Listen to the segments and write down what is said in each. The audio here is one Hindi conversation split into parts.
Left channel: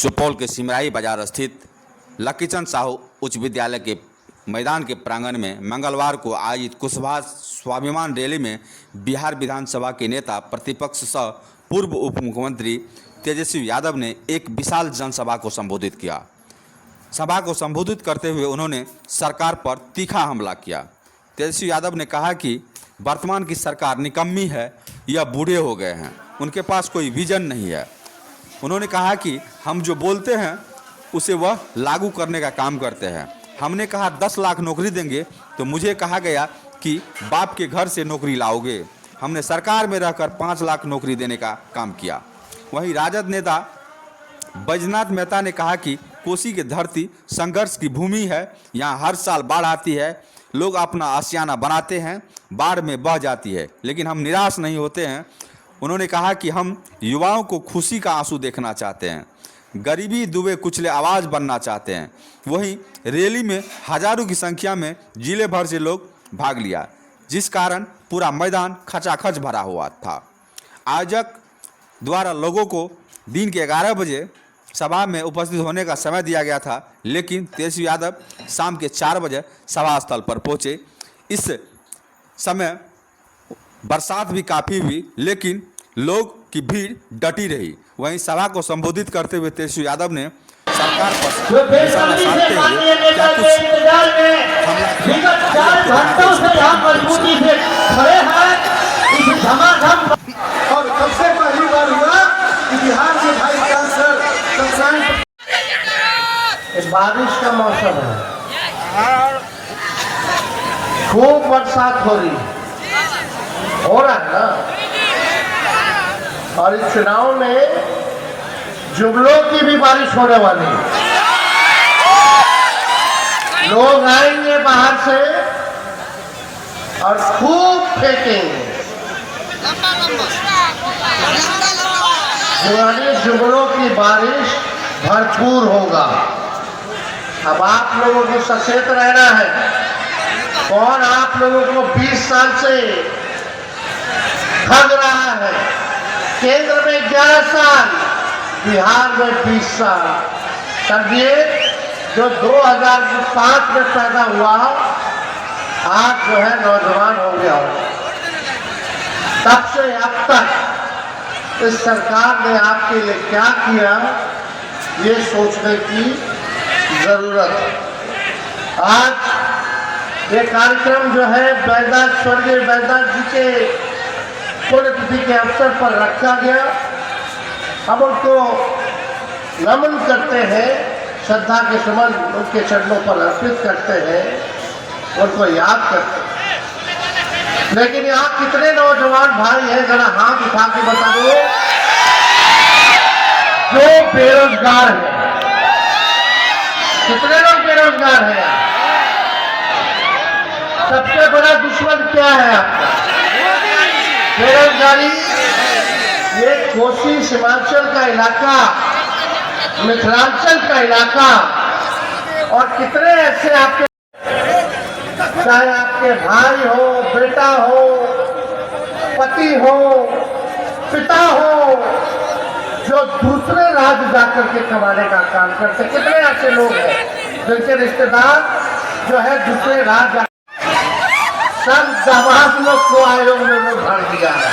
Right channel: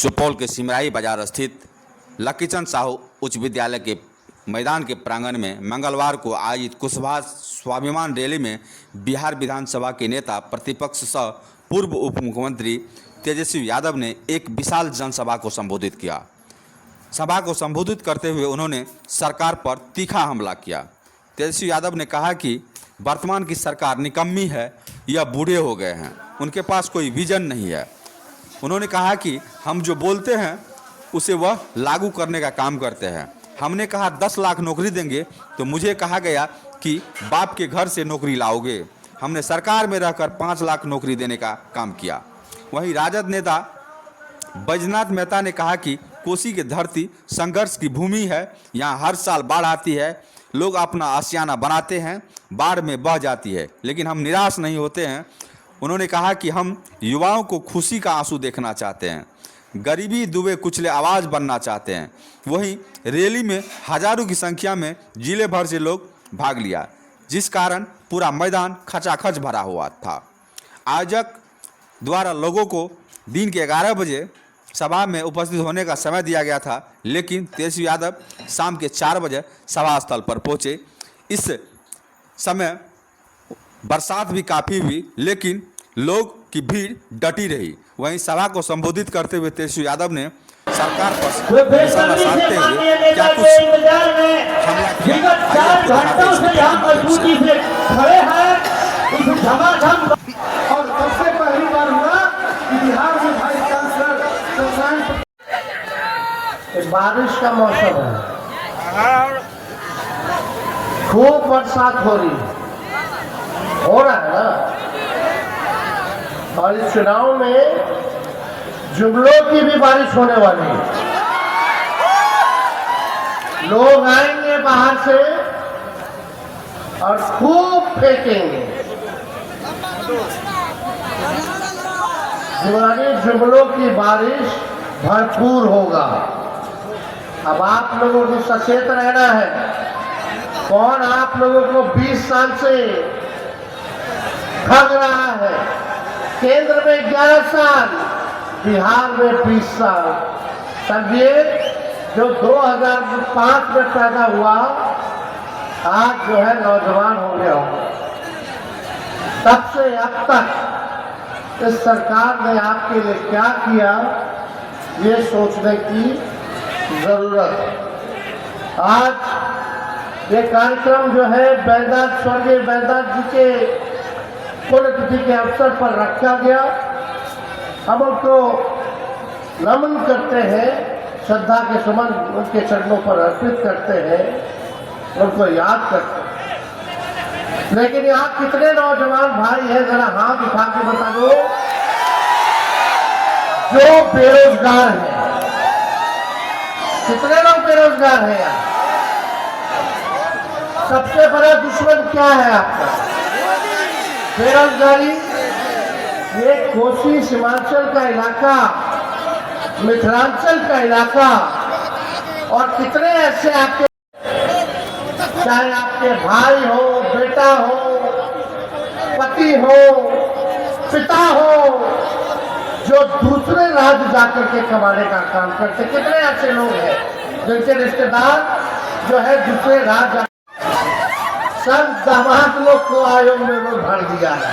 सुपौल के सिमराही बाजार स्थित लकीचंद साहू उच्च विद्यालय के मैदान के प्रांगण में मंगलवार को आयोजित कुशवाहा स्वाभिमान रैली में बिहार विधानसभा के नेता प्रतिपक्ष सह पूर्व उप मुख्यमंत्री तेजस्वी यादव ने एक विशाल जनसभा को संबोधित किया। सभा को संबोधित करते हुए उन्होंने सरकार पर तीखा हमला किया। तेजस्वी यादव ने कहा कि वर्तमान की सरकार निकम्मी है, यह बूढ़े हो गए हैं, उनके पास कोई विजन नहीं है। उन्होंने कहा कि हम जो बोलते हैं उसे वह लागू करने का काम करते हैं। हमने कहा 10 लाख नौकरी देंगे तो मुझे कहा गया कि बाप के घर से नौकरी लाओगे। हमने सरकार में रहकर 5 लाख नौकरी देने का काम किया। वहीं राजद नेता बैजनाथ मेहता ने कहा कि कोसी की धरती संघर्ष की भूमि है, यहाँ हर साल बाढ़ आती है, लोग अपना आशियाना बनाते हैं, बाढ़ में बह जाती है, लेकिन हम निराश नहीं होते हैं। उन्होंने कहा कि हम युवाओं को खुशी का आंसू देखना चाहते हैं, गरीबी दुबे कुचले आवाज़ बनना चाहते हैं। वहीं रैली में हजारों की संख्या में जिले भर से लोग भाग लिया, जिस कारण पूरा मैदान खचाखच भरा हुआ था। आयोजक द्वारा लोगों को दिन के 11 बजे सभा में उपस्थित होने का समय दिया गया था, लेकिन तेजस्वी यादव शाम के 4 बजे सभा स्थल पर पहुंचे। इस समय बरसात भी काफ़ी हुई, लेकिन लोग की भीड़ डटी रही। वहीं सभा को संबोधित करते हुए तेजस्वी यादव ने सरकार पर निशाना साधते हुए क्या कुछ हमला किया। आइए आपको दिखाते हैं इसके बारिश का मौसम है, खूब बरसात हो रही हो रहा है ना। और इस चुनाव में जुमलों की भी बारिश होने वाली है। लोग आएंगे बाहर से और खूब फेंकेंगे, जुमलों की बारिश भरपूर होगा। अब आप लोगों को सचेत रहना है। कौन आप लोगों को 20 साल से ठग रहा है? केंद्र में 11 साल, बिहार में 20 साल। तब ये जो 2005 में पैदा हुआ, आज जो है नौजवान हो गया। तब से अब तक इस सरकार ने आपके लिए क्या किया, ये सोचने की जरूरत है। आज ये कार्यक्रम जो है बैजनाथ स्वर्गीय बैजनाथ जी के पुण्यतिथि के अवसर पर रखा गया। हम उनको नमन करते हैं, श्रद्धा के सुमन उनके चरणों पर अर्पित करते हैं, उनको याद करते हैं। लेकिन यहाँ कितने नौजवान भाई हैं, जरा हाथ उठा के बता दो, जो बेरोजगार हैं? कितने लोग बेरोजगार हैं यहाँ? सबसे बड़ा दुश्मन क्या है आपका? बेरोजगारी। ये कोसी सीमांचल का इलाका, मिथिलांचल का इलाका, और कितने ऐसे आपके, चाहे आपके भाई हो, बेटा हो, पति हो, पिता हो, जो दूसरे राज्य जाकर के कमाने का काम करते, कितने ऐसे लोग हैं जिनके रिश्तेदार जो है दूसरे राज्य, सब दामाद लोग को आयोग में भर दिया है।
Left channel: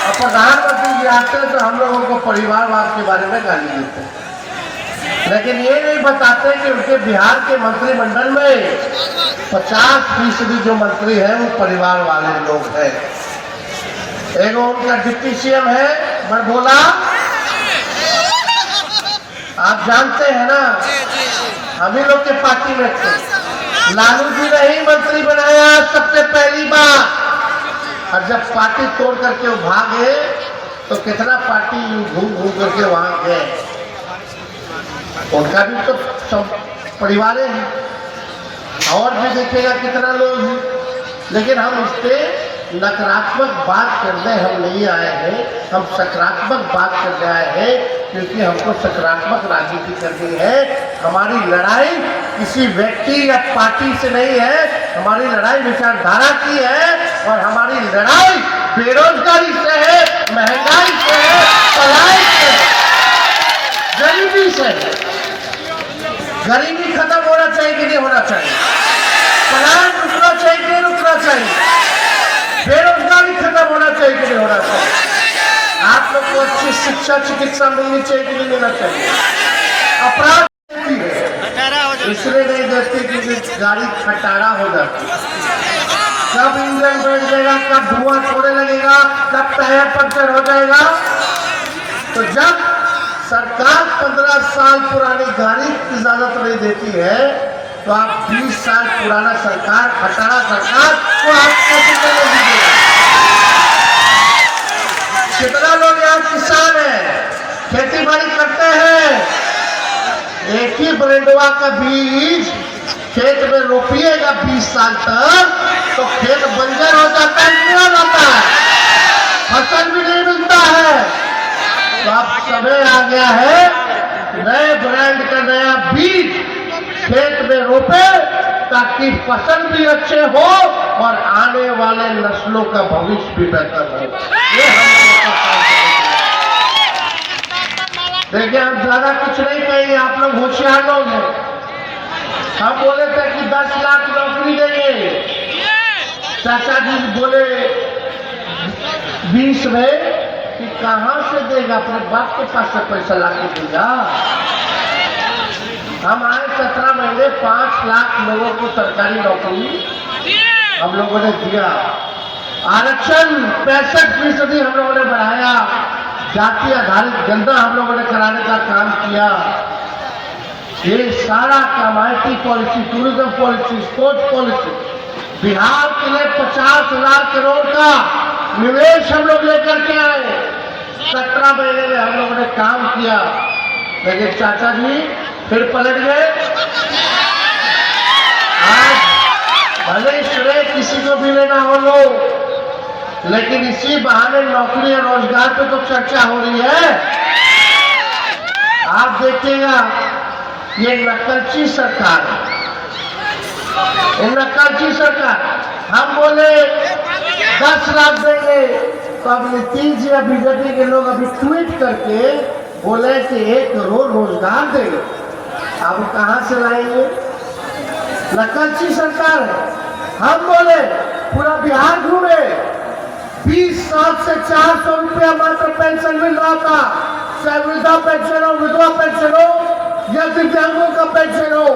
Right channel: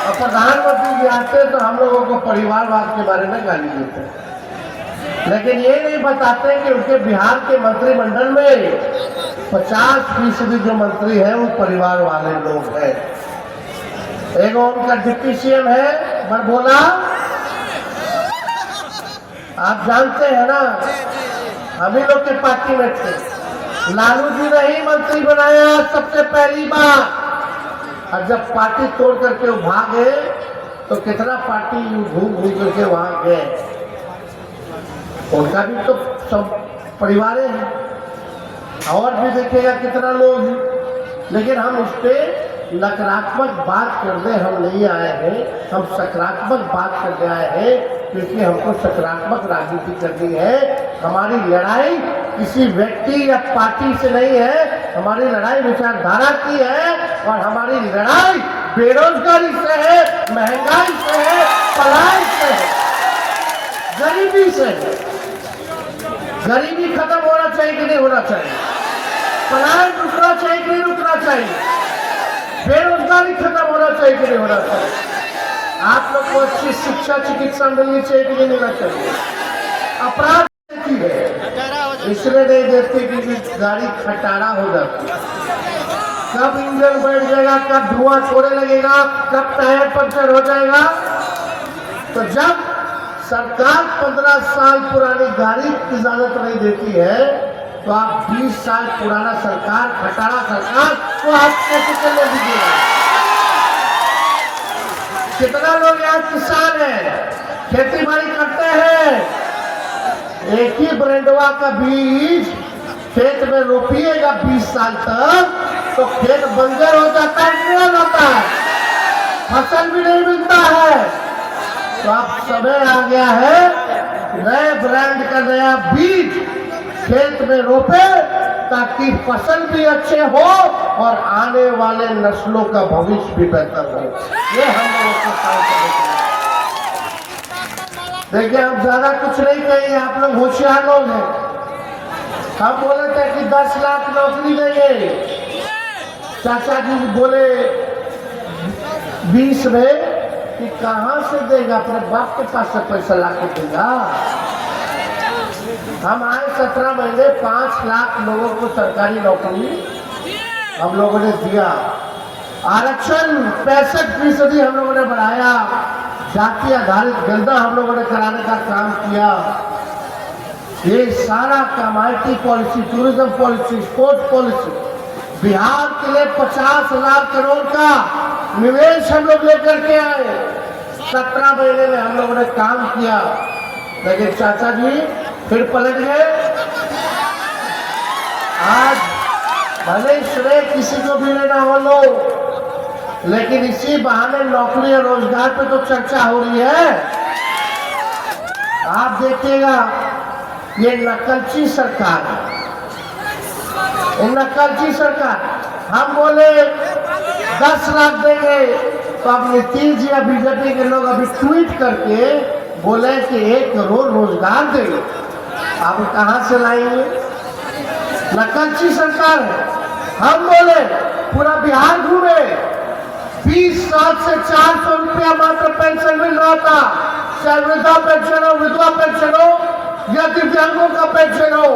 और प्रधानमंत्री जी आते तो हम लोगों को परिवारवाद के बारे में गाली देते, लेकिन ये नहीं बताते कि उनके बिहार के मंत्रिमंडल में 50% जो मंत्री हैं वो परिवार वाले लोग हैं। एक उनका डिप्टी सीएम है बरबोला, आप जानते हैं ना, हम ही लोग के पार्टी में थे। लालू जी ने ही मंत्री बनाया सबसे पहली बार। और जब पार्टी तोड़ करके वो भागे तो कितना पार्टी घूम घूम करके वहां गए। उनका भी तो सब परिवार है, और भी देखिएगा कितना लोग हैं। लेकिन हम इस पे नकारात्मक बात करने हम नहीं आए हैं, हम सकारात्मक बात करने आए हैं, क्योंकि हमको सकारात्मक राजनीति करनी है। हमारी लड़ाई किसी व्यक्ति या पार्टी से नहीं है, हमारी लड़ाई विचारधारा की है, और हमारी लड़ाई बेरोजगारी से है, महंगाई से है, पढ़ाई से है। चाहिए। गरीबी खत्म होना चाहिए कि नहीं होना चाहिए? पलायन रुकना चाहिए कि नहीं रुकना चाहिए? बेरोजगारी खत्म होना चाहिए कि नहीं होना चाहिए? आप लोग को अच्छी शिक्षा चिकित्सा मिलनी चाहिए कि नहीं मिलना चाहिए? अपराध देती है इसलिए नहीं देती क्योंकि गाड़ी खटारा हो जाती है। कब इंजन बैठ जाएगा, कब धुआं छोड़ने लगेगा, कब टायर पंचर हो जाएगा। तो जब सरकार 15 साल पुरानी गाड़ी की इजाजत नहीं देती है तो आप 20 साल पुराना सरकार, खटारा सरकार को आप कैसे चलने दीजिएगा? कितना लोग यहाँ किसान है, खेती बाड़ी करते हैं, एक ही ब्रेंडवा का बीज खेत में रोपिएगा 20 साल तक तो खेत बंजर हो जाता है, नहीं हो जाता है, फसल भी नहीं मिलता है। तो अब समय आ गया है नए ब्रांड का नया बीज खेत में रोपे ताकि फसल भी अच्छे हो और आने वाले नस्लों का भविष्य भी बेहतर हो। ये हम लोगों का काम करेंगे। देखिए हम ज्यादा कुछ नहीं कहेंगे, आप लोग होशियार लोग हैं। हम बोले थे कि 10 लाख नौकरी देंगे, चाचा जी बोले 20 में कि कहां से देगा, अपने बाप के पास से पैसा लाके देगा। हम आए 17 महीने 5 लाख लोगों को सरकारी नौकरी हम लोगों ने दिया। आरक्षण 65% हम लोगों ने बढ़ाया। जाति आधारित जनता हम लोगों ने कराने का काम किया। ये सारा काम IT policy, tourism policy, sports policy, Bihar के लिए 50,000 करोड़ का निवेश हम लोग लेकर के आए। 17 महीने में हम लोगों ने काम किया। लेकिन चाचा जी फिर पलट गए। आज भले श्रेय किसी को भी लेना हो लो, लेकिन इसी बहाने नौकरी और रोजगार पे तो चर्चा हो रही है। आप देखिएगा ये नकलची सरकार है, ये नकलची सरकार। हम बोले 10 लाख देंगे तो अब नीतीश जी या बीजेपी के लोग अभी ट्वीट करके बोले कि 1 करोड़ रोजगार देंगे। अब कहां से लाएंगे? नकलची सरकार है। हम बोले पूरा बिहार घूमे, 20 साल से 400 रुपया मात्र पेंशन मिल रहा था, चाहे वृद्धा पेंशन हो, विधवा पेंशन हो या दिव्यांगों का पेंशन हो।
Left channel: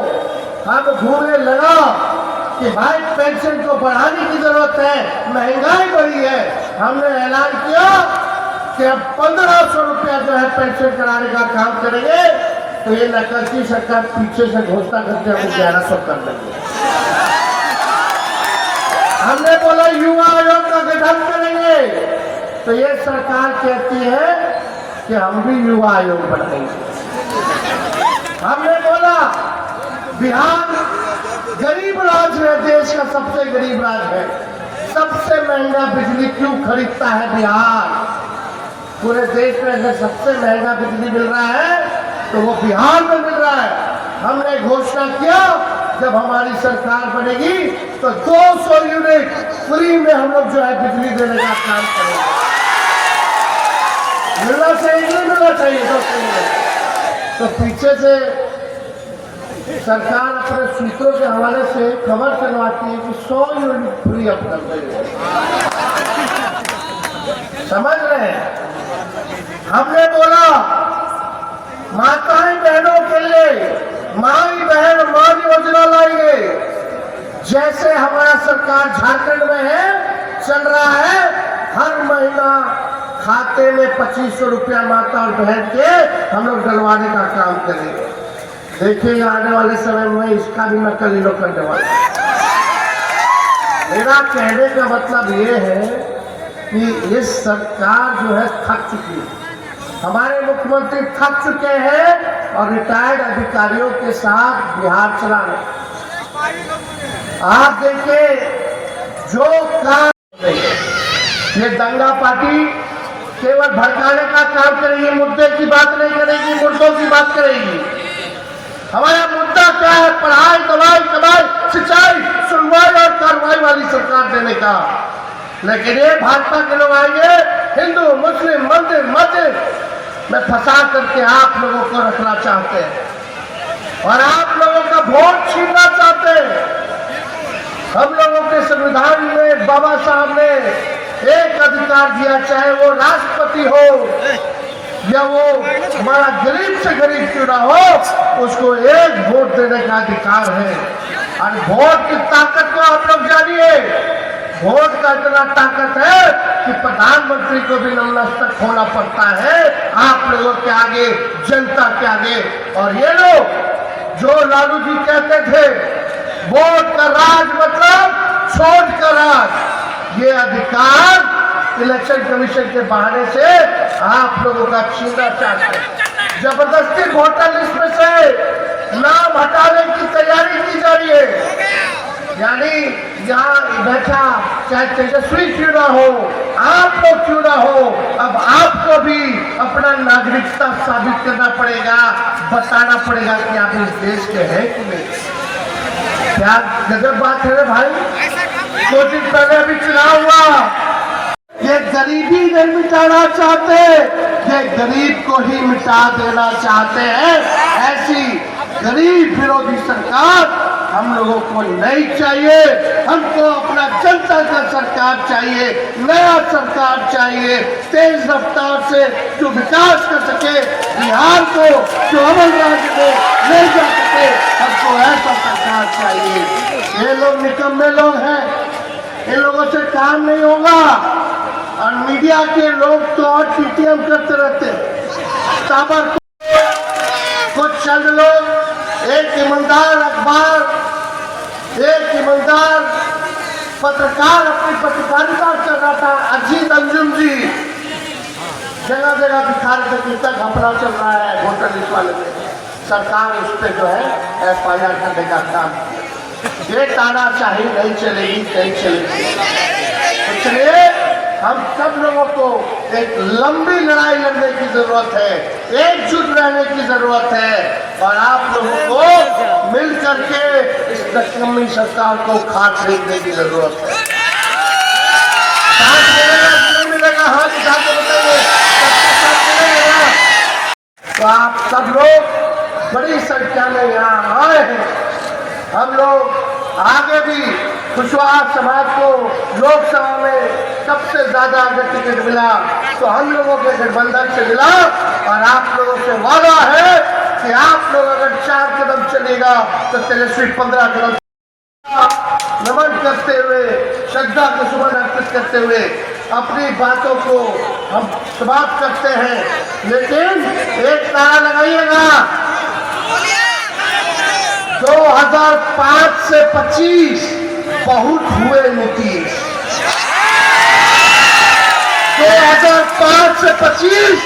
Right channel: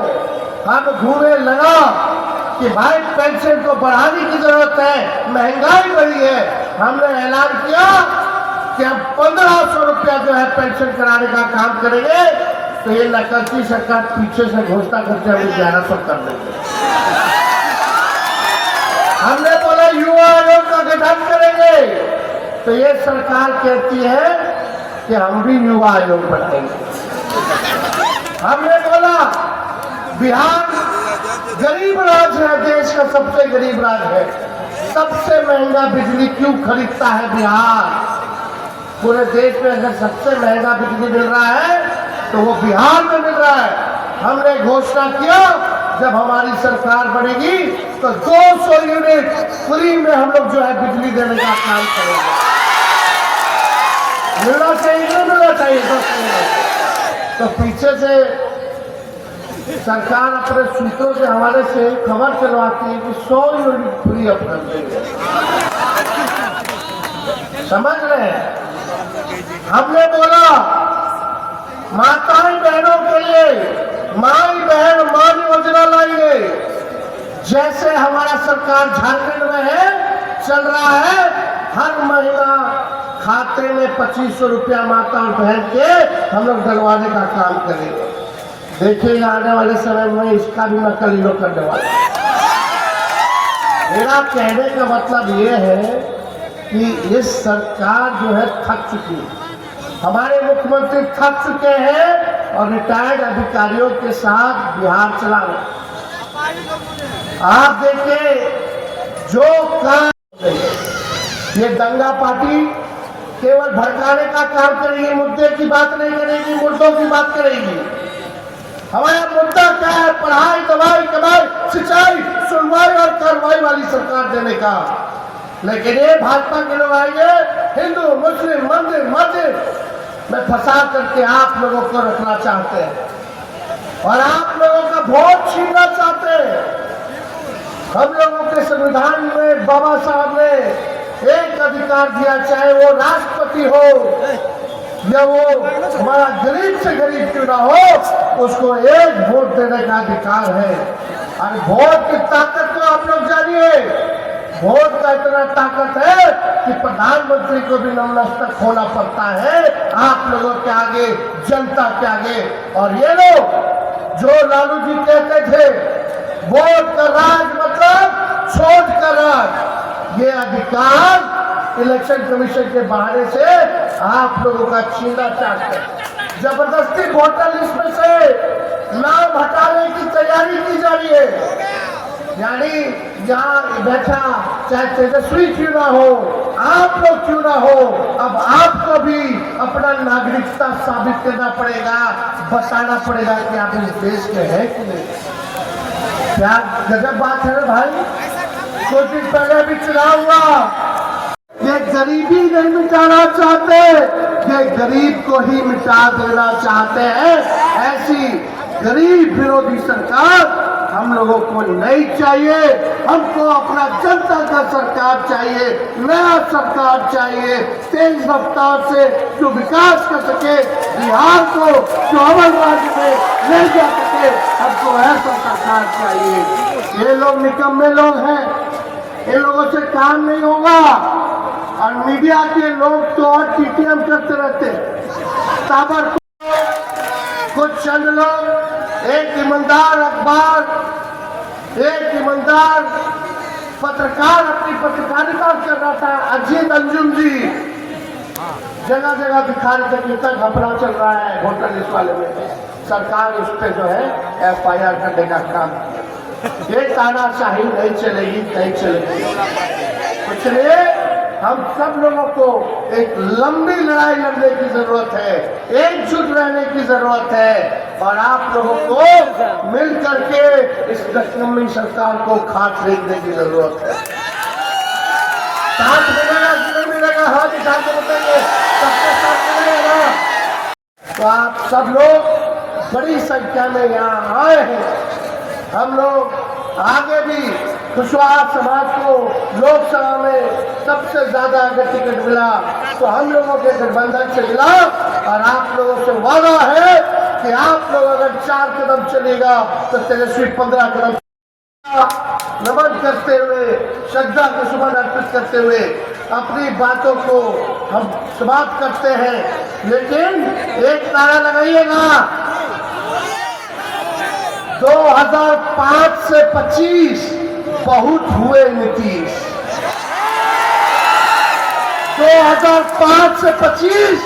हम घूमे लड़ा कि भाई पेंशन को बढ़ाने की जरूरत है, महंगाई बढ़ी है। हमने ऐलान किया कि अब 1500 रुपया जो है पेंशन कराने का काम करेंगे। तो ये नकलची सरकार पीछे से घोषणा करते हुए 1100 कर देंगे। हमने बोला युवा आयोग का गठन करेंगे तो ये सरकार कहती है कि हम भी युवा आयोग बनाएंगे। हमने बोला बिहार गरीब राज्य है, देश का सबसे गरीब राज्य है, सबसे महंगा बिजली क्यों खरीदता है बिहार? पूरे देश में अगर सबसे महंगा बिजली मिल रहा है तो वो बिहार में मिल रहा है। हमने घोषणा किया जब हमारी सरकार बनेगी तो 200 यूनिट फ्री में हम लोग जो है बिजली देने का काम करेंगे। मिलना चाहिए नहीं मिलना चाहिए? तो पीछे से सरकार अपने सूत्रों के हवाले से खबर चलवाती है कि 100 यूनिट फ्री अब कर देंगे। समझ रहे हैं? हमने बोला माताएं बहनों के लिए माई बहन मान योजना लाएंगे। जैसे हमारा सरकार झारखंड में है, चल रहा है, हर महीना खाते में 2500 रुपया माता और बहन के हम लोग डलवाने का काम करेंगे। देखिएगा आने वाले समय में इसका भी नकल लोग करने वाले। मेरा कहने का मतलब ये है कि ये सरकार जो है थक चुकी है। हमारे मुख्यमंत्री थक चुके हैं और रिटायर्ड अधिकारियों के साथ बिहार चला रहे। आप देखिए जो काम ये दंगा पार्टी केवल भड़काने का काम करेगी, मुद्दे की बात नहीं करेगी, मुद्दों की बात करेगी। हमारा मुद्दा क्या है? पढ़ाई, दवाई, कमाई, सिंचाई, सुनवाई और कार्रवाई वाली सरकार देने का। लेकिन ये भाजपा के लोग आएंगे, हिंदू मुस्लिम मंदिर मस्जिद में फंसा करके आप लोगों को रखना चाहते हैं और आप लोगों का वोट छीनना चाहते हैं। हम लोगों के संविधान में बाबा साहब ने एक अधिकार दिया, चाहे वो राष्ट्रपति हो या वो हमारा गरीब से गरीब क्यों ना हो, उसको एक वोट देने का अधिकार है। और वोट की ताकत को आप लोग जानिए, वोट का इतना ताकत है कि प्रधानमंत्री को भी नतमस्तक होना पड़ता है आप लोगों के आगे, जनता के आगे। और ये लोग जो लालू जी कहते थे वोट का राज मतलब छोड़ का राज, ये अधिकार इलेक्शन कमीशन के बहाने से आप लोगों का छीनना चाहते हैं। जबरदस्ती वोटर लिस्ट में से नाम हटाने की तैयारी की जा रही है। यानी यहाँ बैठा चाहे तेजस्वी क्यों ना हो, आप लोग क्यों ना हो, अब आपको भी अपना नागरिकता साबित करना पड़ेगा, बताना पड़ेगा कि आप इस देश के हैं कि नहीं। क्या गजब बात है भाई। 2 दिन पहले अभी चुनाव हुआ, ये गरीबी नहीं मिटाना चाहते, ये गरीब को ही मिटा देना चाहते हैं। ऐसी गरीब विरोधी सरकार हम लोगों को नहीं चाहिए। हमको अपना जनता का सरकार चाहिए, नया सरकार चाहिए, तेज रफ्तार से जो विकास कर सके, बिहार को जो अमल राज्य में ले जा सके, हमको ऐसा सरकार चाहिए। ये लोग निकम्मे लोग हैं, इन लोगों से काम नहीं होगा। और मीडिया के लोग तो और टीटीएम करते रहते हैं। ताबर कुछ चंद लोग, एक ईमानदार अखबार, एक ईमानदार पत्रकार अपनी पत्रकारिता कर रहा था, अजीत अंजुम जी जगह जगह दिखा रहे थे तक घोटाला चल रहा है वोटर लिस्ट वाले में, सरकार उस पर जो है FIR करने का काम। ये तानाशाही नहीं चलेगी, नहीं चलेगी। इसलिए हम सब लोगों को एक लंबी लड़ाई लड़ने की जरूरत है, एकजुट रहने की जरूरत है और आप लोगों को मिल करके इस नकम्मी सरकार को खाट खरीदने की जरूरत है। साथ मिलेगा नहीं मिलेगा, हम जाकर बताएंगे। तो आप सब लोग बड़ी संख्या में यहाँ आए हैं। हम लोग आगे भी कुशवाहा समाज को लोकसभा में सबसे ज्यादा अगर टिकट मिला तो हम लोगों के गठबंधन से मिला और आप लोगों से वादा है कि आप लोग अगर 4 कदम चलेगा तो तेजस्वी 15 कदम। नमन करते हुए, श्रद्धा के सुमन अर्पित करते हुए अपनी बातों को हम समाप्त करते हैं। लेकिन एक नारा लगाइएगा, 2005 से 25 बहुत हुए नीतीश। 2005 से 25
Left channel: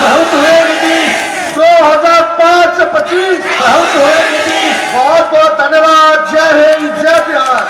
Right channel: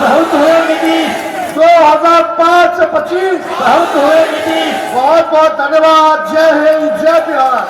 बहुत हुए नीतीश। 2005 से 25 बहुत हुए नीतीश। बहुत बहुत धन्यवाद। जय हिंद, जय बिहार।